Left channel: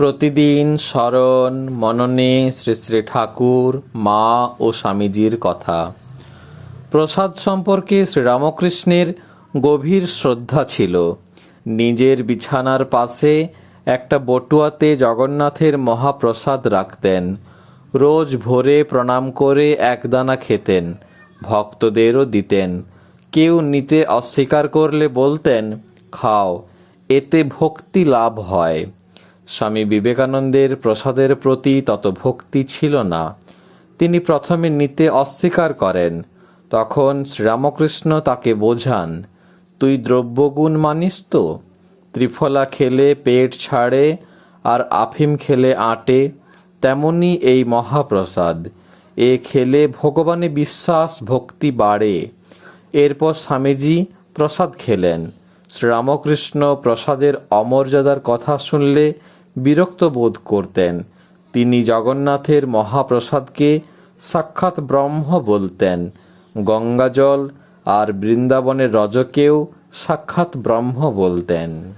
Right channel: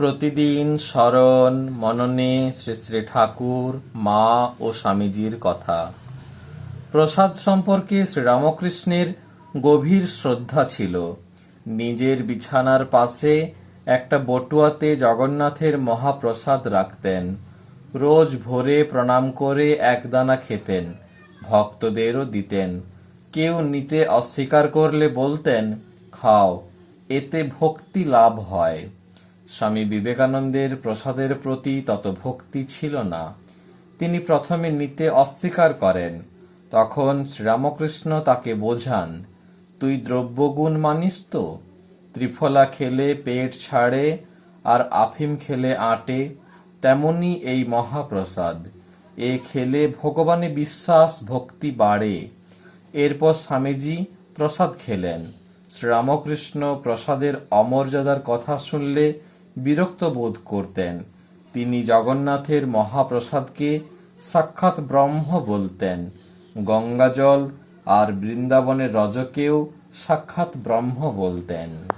প্রতিদিন স্মরণ, মননে শ্রী শ্রী ঠাকুর, মা ও স্বামীজির কথা। প্রসাদ সম্পর্কে শ্রীরামকৃষ্ণের গভীর শ্রদ্ধা ছিল। নিজের বিছানার পাশে একটা বটুয়াতে জগন্নাথের মহাপ্রসাদ রাখতেন। রোজ ভোরে প্রণাম করে একদানা খেতেন, ভক্তদেরও দিতেন। কেউ নিতে অস্বীকার করলে বলতেন, খাও, এতে ভক্তি লাভ হয়। স্বামী বিবেকানন্দের প্রসাদের প্রতি তত ভক্তি ছিল না। তিনি প্রথমে নিতে অস্বীকার করেন। তখন শ্রীরামকৃষ্ণ তাকে বোঝান, তুই দ্রব্যগুণ মানিস তো? ত্রিফলা খেলে পেট ছাড়ে আর আফিম খেলে আটে। তেমনি এই মহাপ্রসাদ। এ খেলে ভগবানে বিশ্বাস ভক্তি বাড়ে। এরপর স্বামীজি প্রসাদ খেলেন। শ্রীরামকৃষ্ণ প্রসাদের অমর্যাদার কথা শুনলে বিরক্ত বোধ করতেন। তিনি জগন্নাথের মহাপ্রসাদকে সাক্ষাৎ ব্রহ্ম বলতেন। গঙ্গাজল আর বৃন্দাবনের রজকেও সাক্ষাৎ ব্রহ্ম বলতেন।